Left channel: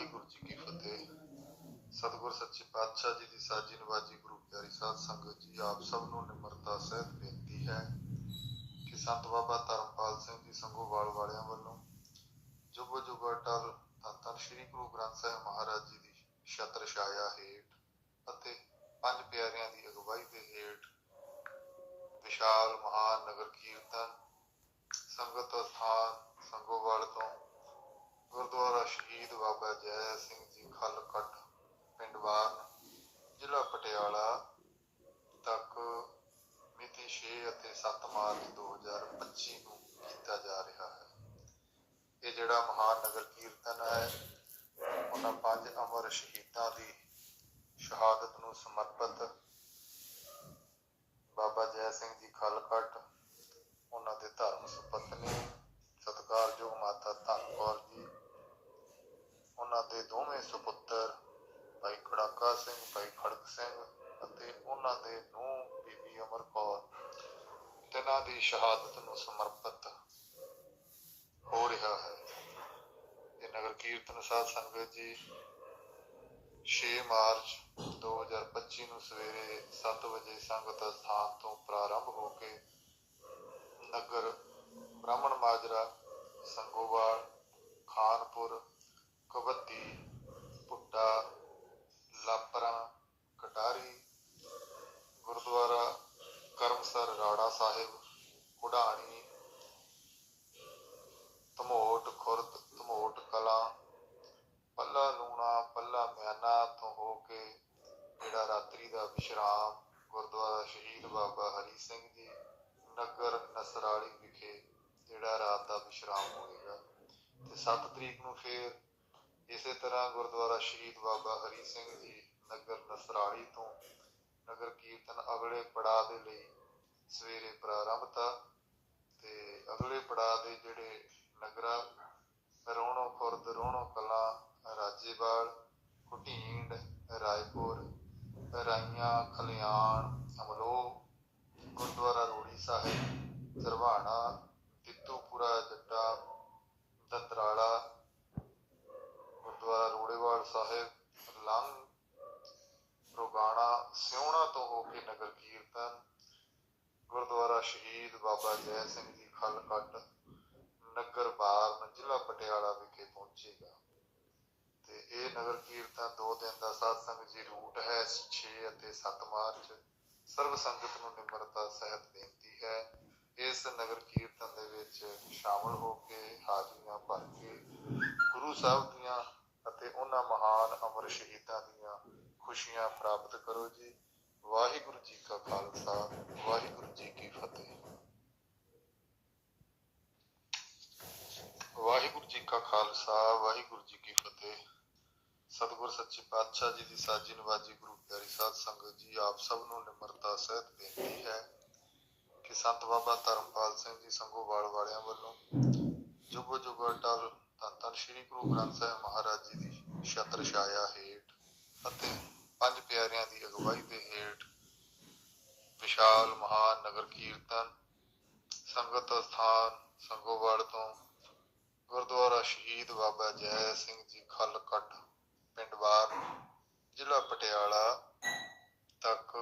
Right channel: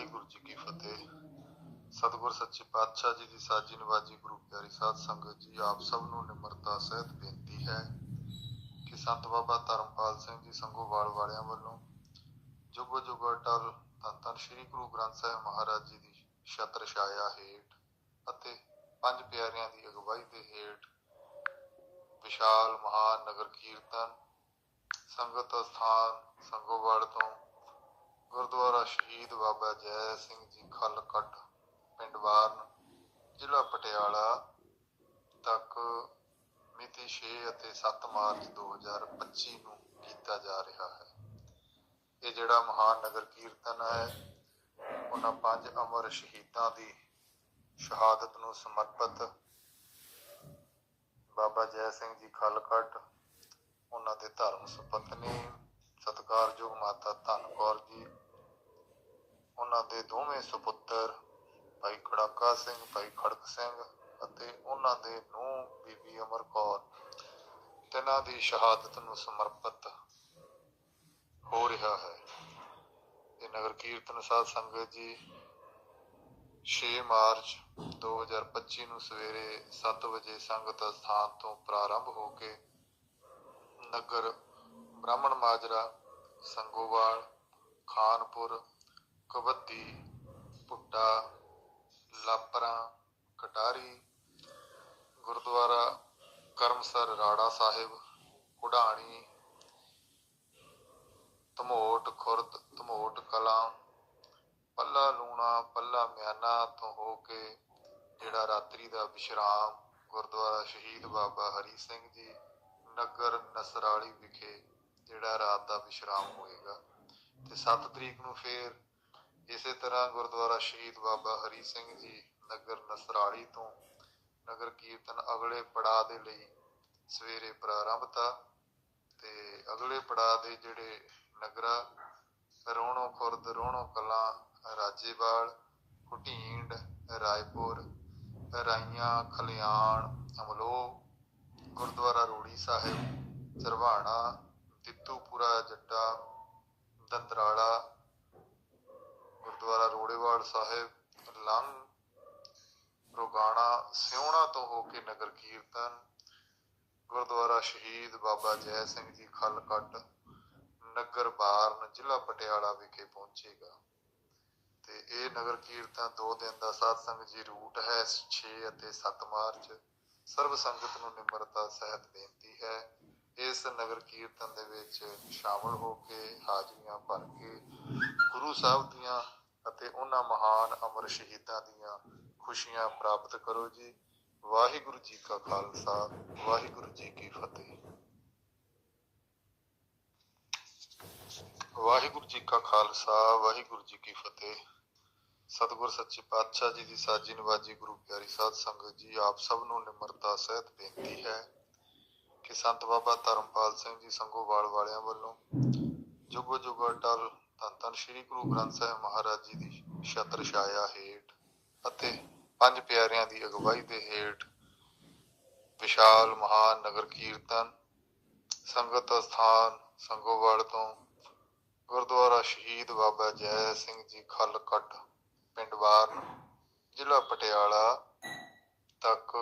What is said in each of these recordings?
ਵਾਹਿਗੁਰੂ ਜੀ ਕੀ ਫਤਿਹ। ਸਤਿਗੁਰ ਸੱਚੇ ਪਾਤਸ਼ਾਹ ਜੀ ਦੀ ਸਾਜੀ ਨਵਾਜੀ ਗੁਰੂ ਪਿਆਰੀ ਸਾਧ ਸੰਗਤ ਜੀ, ਆਪ ਸਭ ਨੂੰ ਨਿਮਰਤਾ ਸਹਿਤ ਬੇਨਤੀ ਹੈ ਕਿ ਸੰਤ ਬਾਬਾ ਧਰਮਪਾਲ ਸਿੰਘ ਜੀ ਸੰਗੋਵਾਲ ਵਾਲਿਆਂ ਵੱਲੋਂ ਜੁਗ ਜੁਗ ਅਟਲ ਧੰਨ ਧੰਨ ਸ੍ਰੀ ਗੁਰੂ ਗ੍ਰੰਥ ਸਾਹਿਬ ਮਹਾਰਾਜ ਜੀ ਦੀ ਛਤਰ ਛਾਇਆ ਹੇਠ ਅਤੇ ਪੰਜ ਪਿਆਰਿਆਂ ਦੀ ਅਗਵਾਈ ਦੇ ਹੇਠ ਵਿਸ਼ਾਲ ਮਹਾਨ ਨਗਰ ਕੀਰਤਨ ਸੰਗਤ ਸਥਾਨ ਸੰਗੋਵਾਲ ਤੋਂ ਗੁਰਦੁਆਰਾ ਸ਼ਹੀਦ ਬਾਬਾ ਜੈ ਸਿੰਘ ਜੀ ਖਲਕਟ, ਪਿੰਡ ਵਾਰਨ ਜ਼ਿਲ੍ਹਾ ਪਟਿਆਲਾ ਤੱਕ ਮਿਤੀ 6 ਅਤੇ 7 ਮਾਰਚ 2025 ਨੂੰ ਕੀਤਾ ਜਾ ਰਿਹਾ ਹੈ। ਇਹ ਜਿਹੜਾ ਮਹਾਨ ਨਗਰ ਕੀਰਤਨ ਹੈ, ਉਹਨਾਂ ਪੰਜ ਅਮਰ ਸ਼ਹੀਦਾਂ ਦੀ ਸ਼ਹਾਦਤ ਨੂੰ ਸਮਰਪਿਤ ਬਾਬਾ ਜੈ ਸਿੰਘ ਜੀ ਖਲਕਟ, ਉਹਨਾਂ ਦੇ ਧਰਮ ਸੁਪਤਨੀ ਸਤਿਕਾਰਯੋਗ ਮਾਤਾ ਧੰਨ ਕੌਰ ਜੀ ਉਹਨਾਂ ਦੇ ਦੋਵੇਂ ਸੁਪੁੱਤਰ, ਭਾਈ ਖੜਾਕਾ ਸਿੰਘ, ਭਾਈ ਖੜਕ ਸਿੰਘ ਅਤੇ ਉਹਨਾਂ ਦੇ ਨੂੰ ਬੀਬੀ ਅਮਰ ਕੌਰ, ਤਿੰਨਾਂ ਦੀ ਸ਼ਹਾਦਤ ਨੂੰ ਸਮਰਪਿਤ ਹੋ ਰਿਹਾ ਹੈ। ਇਹ ਨਗਰ ਕੀਰਤਨ ਸਾਧ ਸੰਗਤ ਜੀ 6 ਮਾਰਚ 2025 ਨੂੰ ਸਵੇਰੇ 7 ਵਜੇ ਸੰਗਤ ਸਥਾਨ ਤੋਂ ਪ੍ਰਾਰੰਭ ਹੋ ਕੇ ਨਗਰ ਬ੍ਰਾਹਮਣ ਮਾਜਰਾ, ਸੰਗੋਵਾਲ, ਖਾਨਪੁਰ ਕਬੱਦੀ ਭੁੱਟਾ ਲਾਪਰਾਂ, ਕਟਾਰੀ, ਗੁਰਦੁਆਰਾ, ਕਰਮਸਰ, ਰਾੜਾ ਸਾਹਿਬ, ਕੁਢਾਣੀ, ਧਮੋਟ, ਖੁਰਦ, ਧਮੋਟ ਕਲਾਂ, ਪੱਲਾ ਲੂਣਾ, ਪੱਲਾ ਮਿਆਨਾ ਤੋਂ ਹੋ ਕੇ ਜਿਹੜਾ ਰਾਤਰੀ ਦਾ ਵਿਸ਼ਰਾਮ ਗੁਰਦੁਆਰਾ ਸ਼ਹੀਦ ਬਾਬਾ ਹਰੀ ਸਿੰਘ ਜੀ, ਨਗਰ ਨਸਰਾਲੀ ਵਿਖੇ ਜਿਹੜਾ ਰਾਤ ਦਾ ਵਿਸ਼ਰਾਮ ਹੋਏਗਾ। ਤੇ 7 ਤਰੀਕ ਨੂੰ ਫੇਰ ਇਸੇ ਤਰ੍ਹਾਂ ਗੁਰਦੁਆਰਾ ਸ਼ਹੀਦ ਬਾਬਾ ਹਰੀ ਸਿੰਘ ਜੀ ਨਗਰ ਨਸਰਾਲੀ ਤੋਂ ਨਗਰ ਕੀਰਤਨ ਅਗਲੇ ਪੜਾਅ ਦੇ ਲਈ ਸਵੇਰੇ ਪ੍ਰਾਰੰਭਤਾ ਤੇ ਅਗਲੇ ਪੜਾਅ ਦੇ ਜਿਹੜੇ ਨਗਰਾ, ਰੋਣੋ ਖੁਰਦ, ਰੋਣੋ ਕਲਾਂ, ਰਾਜੇਵਾਲ, ਕੁਟੀਂਡ, ਰਾਏਪੁਰ, ਰਾਈਆਂ, ਖਲਿਆਣ ਅਮਲੋ ਗੁਰਦੁਆਰਾ ਰੋੜੀ ਸਾਹਿਬ, ਸਰਵਾਣਾ, ਤਿੱਤੂਪੁਰਾ, ਜੱਟਾ ਦੰਦਰਾਲਾ ਗੁਰਦੁਆਰਾ ਰੋੜੇਵਾਲ ਸਾਹਿਬ ਲੰਗ ਰੋਗਾਣਾ ਸਿਉਣਾ ਤੋਂ ਹੋ ਕੇ ਨਗਰ ਕੀਰਤਨ ਗੁਰਦੁਆਰਾ ਸ਼ਹੀਦ ਬਾਬਾ ਜੈ ਸਿੰਘ ਜੀ ਖਲਕਟ ਨਗਰ ਬਾਰਨ ਜ਼ਿਲ੍ਹਾ ਪਟਿਆਲਾ ਵਿਖੇ ਪਹੁੰਚੇਗਾ। ਤੇ ਇਹ ਨਗਰ ਕੀਰਤਨ ਦੋ ਦਿਨ ਦਾ ਸਾਧ ਜੀ ਰੂਟ ਹੈ 6 ਅਤੇ 7 ਮਾਰਚ। ਸਰਬ ਸੰਗਤ ਨੂੰ ਨਿਮਰਤਾ, ਸਹਿਤ, ਬੇਨਤੀ ਹੈ। ਇਸ ਨਗਰ ਕੀਰਤਨ ਦੇ ਵਿੱਚ ਸ਼ਾਮਲ ਹੋ ਕੇ, ਹਾਜ਼ਰੀਆਂ ਭਰ ਕੇ, ਗੁਰੂ ਸਾਹਿਬ ਦੀਆਂ ਅਤੇ ਉਹਨਾਂ ਮਹਾਨ ਅਮਰ ਸ਼ਹੀਦਾਂ ਦੀਆਂ ਖੁਸ਼ੀਆਂ ਪ੍ਰਾਪਤ ਕਰੋ ਜੀ। ਵਾਹਿਗੁਰੂ ਜੀ ਕਾ ਖਾਲਸਾ, ਵਾਹਿਗੁਰੂ ਜੀ ਕੀ ਫਤਿਹ। ਵਾਹਿਗੁਰੂ ਜੀ ਕਾ ਖਾਲਸਾ, ਵਾਹਿਗੁਰੂ ਜੀ ਕੀ ਫਤਿਹ। ਸਤਿਗੁਰ ਸੱਚੇ ਪਾਤਸ਼ਾਹ ਜੀ ਦੀ ਸਾਜੀ ਨਵਾਜੀ ਗੁਰੂ ਪਿਆਰੀ ਸਾਧ ਸੰਗਤ ਜੀ, ਆਪ ਸਭ ਨੂੰ ਨਿਮਰਤਾ, ਸਹਿਤ, ਬੇਨਤੀ ਹੈ ਕਿ ਸੰਤ ਬਾਬਾ ਧਰਮਪਾਲ ਸਿੰਘ ਜੀ ਸੰਗੋਵਾਲ ਵਾਲਿਆਂ ਵੱਲੋਂ ਜੁਗੋ ਜੁਗੋ ਅਟਲ ਧੰਨ ਧੰਨ ਸ੍ਰੀ ਗੁਰੂ ਗ੍ਰੰਥ ਸਾਹਿਬ ਮਹਾਰਾਜ ਜੀ ਦੀ ਛਤਰ ਛਾਇਆ ਹੇਠ ਅਤੇ ਪੰਜ ਪਿਆਰਿਆਂ ਦੀ ਅਗਵਾਈ ਦੇ ਹੇਠ ਵਿਸ਼ਾਲ ਮਹਾਨ ਨਗਰ ਕੀਰਤਨ, ਸੰਗਤ ਸਥਾਨ ਸੰਗੋਵਾਲ ਤੋਂ ਗੁਰਦੁਆਰਾ ਸ਼ਹੀਦ ਬਾਬਾ ਜੈ ਸਿੰਘ ਜੀ ਖਲਕਟ ਪਿੰਡ ਵਾਰ ਜ਼ਿਲ੍ਹਾ ਪਟਿਆਲਾ ਤੱਕ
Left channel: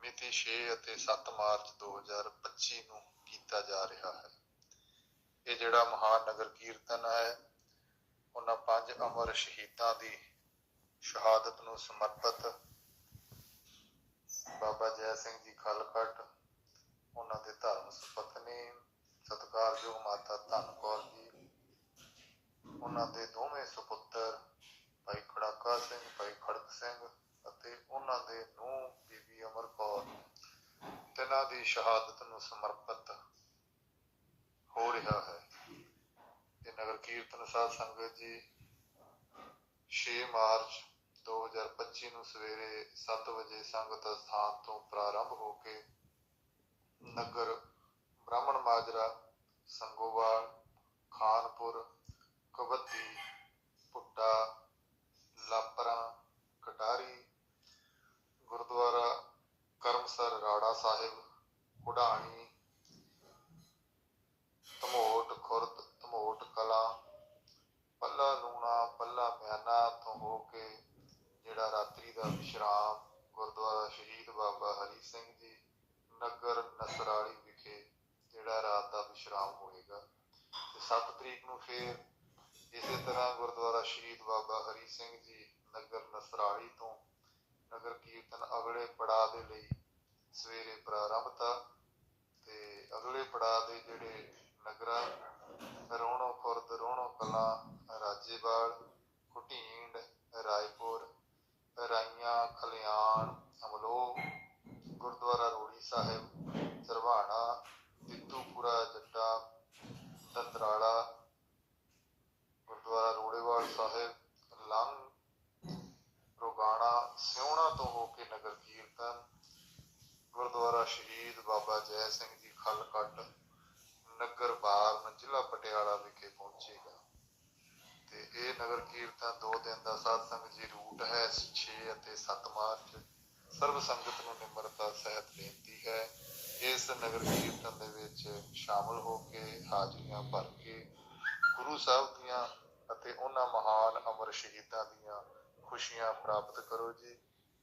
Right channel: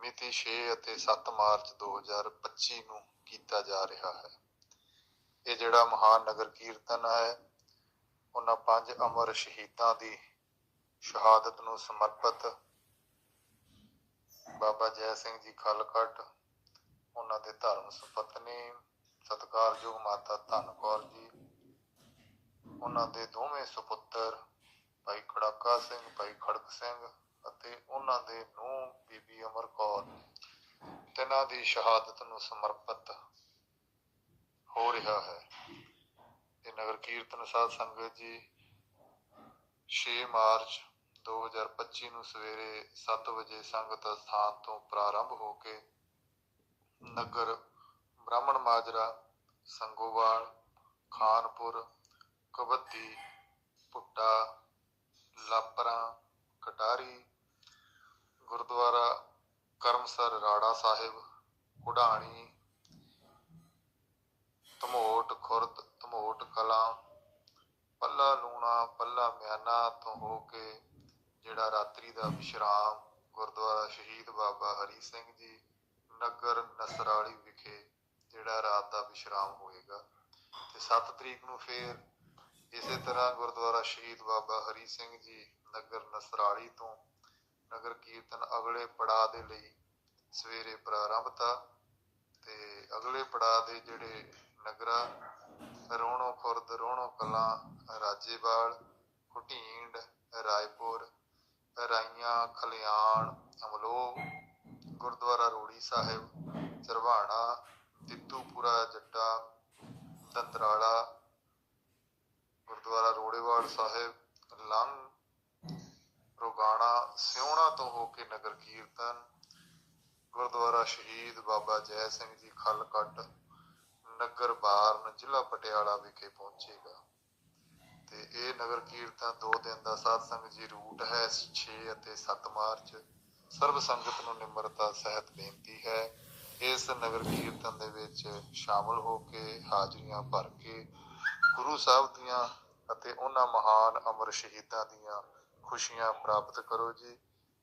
ਮਿਤੀ 6 ਅਤੇ 7 ਮਾਰਚ 2025 ਨੂੰ ਕੀਤਾ ਜਾ ਰਿਹਾ ਹੈ। ਇਹ ਜਿਹੜਾ ਮਹਾਨ ਨਗਰ ਕੀਰਤਨ ਹੈ, ਉਹਨਾਂ ਪੰਜ ਅਮਰ ਸ਼ਹੀਦਾਂ ਦੀ ਸ਼ਹਾਦਤ ਨੂੰ ਸਮਰਪਿਤ ਬਾਬਾ ਜੈ ਸਿੰਘ ਜੀ ਖਲਕਟ ਉਹਨਾਂ ਦੇ ਧਰਮ ਸੁਪਤਨੀ, ਸਤਿਕਾਰਯੋਗ ਮਾਤਾ ਧੰਨ ਕੌਰ ਜੀ, ਉਹਨਾਂ ਦੇ ਦੋਵੇਂ ਸੁਪੁੱਤਰ ਭਾਈ ਖੜਾਕਾ ਸਿੰਘ, ਭਾਈ ਖੜਕ ਸਿੰਘ ਅਤੇ ਉਹਨਾਂ ਦੇ ਨੂੰਹ ਬੀਬੀ ਅਮਰ ਕੌਰ, ਤਿੰਨਾਂ ਦੀ ਸ਼ਹਾਦਤ ਨੂੰ ਸਮਰਪਿਤ ਹੋ ਰਿਹਾ ਹੈ। ਇਹ ਨਗਰ ਕੀਰਤਨ ਸਾਧ ਸੰਗਤ ਜੀ 6 ਮਾਰਚ 2025 ਨੂੰ ਸਵੇਰੇ 7 ਵਜੇ ਸੰਗਤ ਸਥਾਨ ਤੋਂ ਪ੍ਰਾਰੰਭ ਹੋ ਕੇ ਨਗਰ ਬ੍ਰਾਹਮਣ ਮਾਜਰਾ, ਸੰਗੋਵਾਲ, ਖਾਨਪੁਰ ਕਬੱਦੀ ਪੁੱਟਾ, ਲਾਪਰਾ, ਕਟਾਰੀ, ਗੁਰਦੁਆਰਾ, ਕਰਮਸਰ, ਰਾੜਾ ਸਾਹਿਬ, ਕੁਢਾਣੀ ਧਮੋਟ ਖੁਰਦ ਧਮੋਟ ਕਲਾਂ ਪੱਲਾ ਲੂਣਾ ਪੱਲਾ ਮਿਆਨਾ ਜਿਹੜਾ ਰਾਤਰੀ ਦਾ ਵਿਸ਼ਰਾਮ, ਗੁਰਦੁਆਰਾ ਸ਼ਹੀਦ ਬਾਬਾ ਹਰੀ ਸਿੰਘ ਜੀ, ਨਗਰ ਨਸਰਾਲੀ ਵਿਖੇ ਜਿਹੜਾ ਰਾਤ ਦਾ ਵਿਸ਼ਰਾਮ ਹੋਏਗਾ। ਤੇ 7 ਤਰੀਕ ਨੂੰ ਫੇਰ ਇਸੇ ਤਰ੍ਹਾਂ ਗੁਰਦੁਆਰਾ ਸ਼ਹੀਦ ਬਾਬਾ ਹਰੀ ਸਿੰਘ ਜੀ ਨਗਰ ਨਸਰਾਲੀ ਤੋਂ ਨਗਰ ਕੀਰਤਨ ਅਗਲੇ ਪੜਾਅ ਦੇ ਲਈ ਸਵੇਰੇ ਪ੍ਰਾਰੰਭਤਾ ਤੇ ਅਗਲੇ ਪੜਾਅ ਦੇ ਜਿਹੜੇ ਨਗਰਾਂ ਰੋਣੋ ਖੁਰਦ ਰੋਣੋ ਕਲਾ, ਰਾਜੇਵਾਲ ਕੁਟੀਂਡ ਰਾਏਪੁਰ ਰਾਈਆਂ ਖਲਿਆਣ ਅਮਲੋਹ ਗੁਰਦੁਆਰਾ ਰੋੜੀ ਸਾਹਿਬ ਚਰਵਾਣਾ ਤਿੱਤੂਪੁਰਾ ਜੱਟਾ ਦੰਦਰਾਲਾ ਗੁਰਦੁਆਰਾ ਰੋੜੇਵਾਲ ਸਾਹਿਬ ਲੰਗ ਰੋਗਾਣਾ ਸਿਉਣਾ ਤੋਂ ਹੋ ਕੇ ਨਗਰ ਕੀਰਤਨ ਗੁਰਦੁਆਰਾ ਸ਼ਹੀਦ ਬਾਬਾ ਜੈ ਸਿੰਘ ਜੀ ਖਲਕੱਟ ਨਗਰ ਬਾਰਨ ਜ਼ਿਲ੍ਹਾ ਪਟਿਆਲਾ ਵਿਖੇ ਪਹੁੰਚੇਗਾ। ਤੇ ਇਹ ਨਗਰ ਕੀਰਤਨ ਦੋ ਦਿਨ ਦਾ ਸਾਧ ਜੀ ਰੂਟ ਹੈ 6 ਅਤੇ 7 ਮਾਰਚ। ਸਰਬ ਸੰਗਤ ਨੂੰ ਨਿਮਰਤਾ, ਸਹਿਤ ਬੇਨਤੀ ਹੈ। ਇਸ ਨਗਰ ਕੀਰਤਨ ਦੇ ਵਿੱਚ ਸ਼ਾਮਲ ਹੋ ਕੇ ਹਾਜ਼ਰੀਆਂ ਭਰ ਕੇ ਗੁਰੂ ਸਾਹਿਬ ਦੀਆਂ ਅਤੇ ਉਹਨਾਂ ਮਹਾਨ ਅਮਰ ਸ਼ਹੀਦਾਂ ਦੀਆਂ ਖੁਸ਼ੀਆਂ ਪ੍ਰਾਪਤ ਕਰੋ ਜੀ।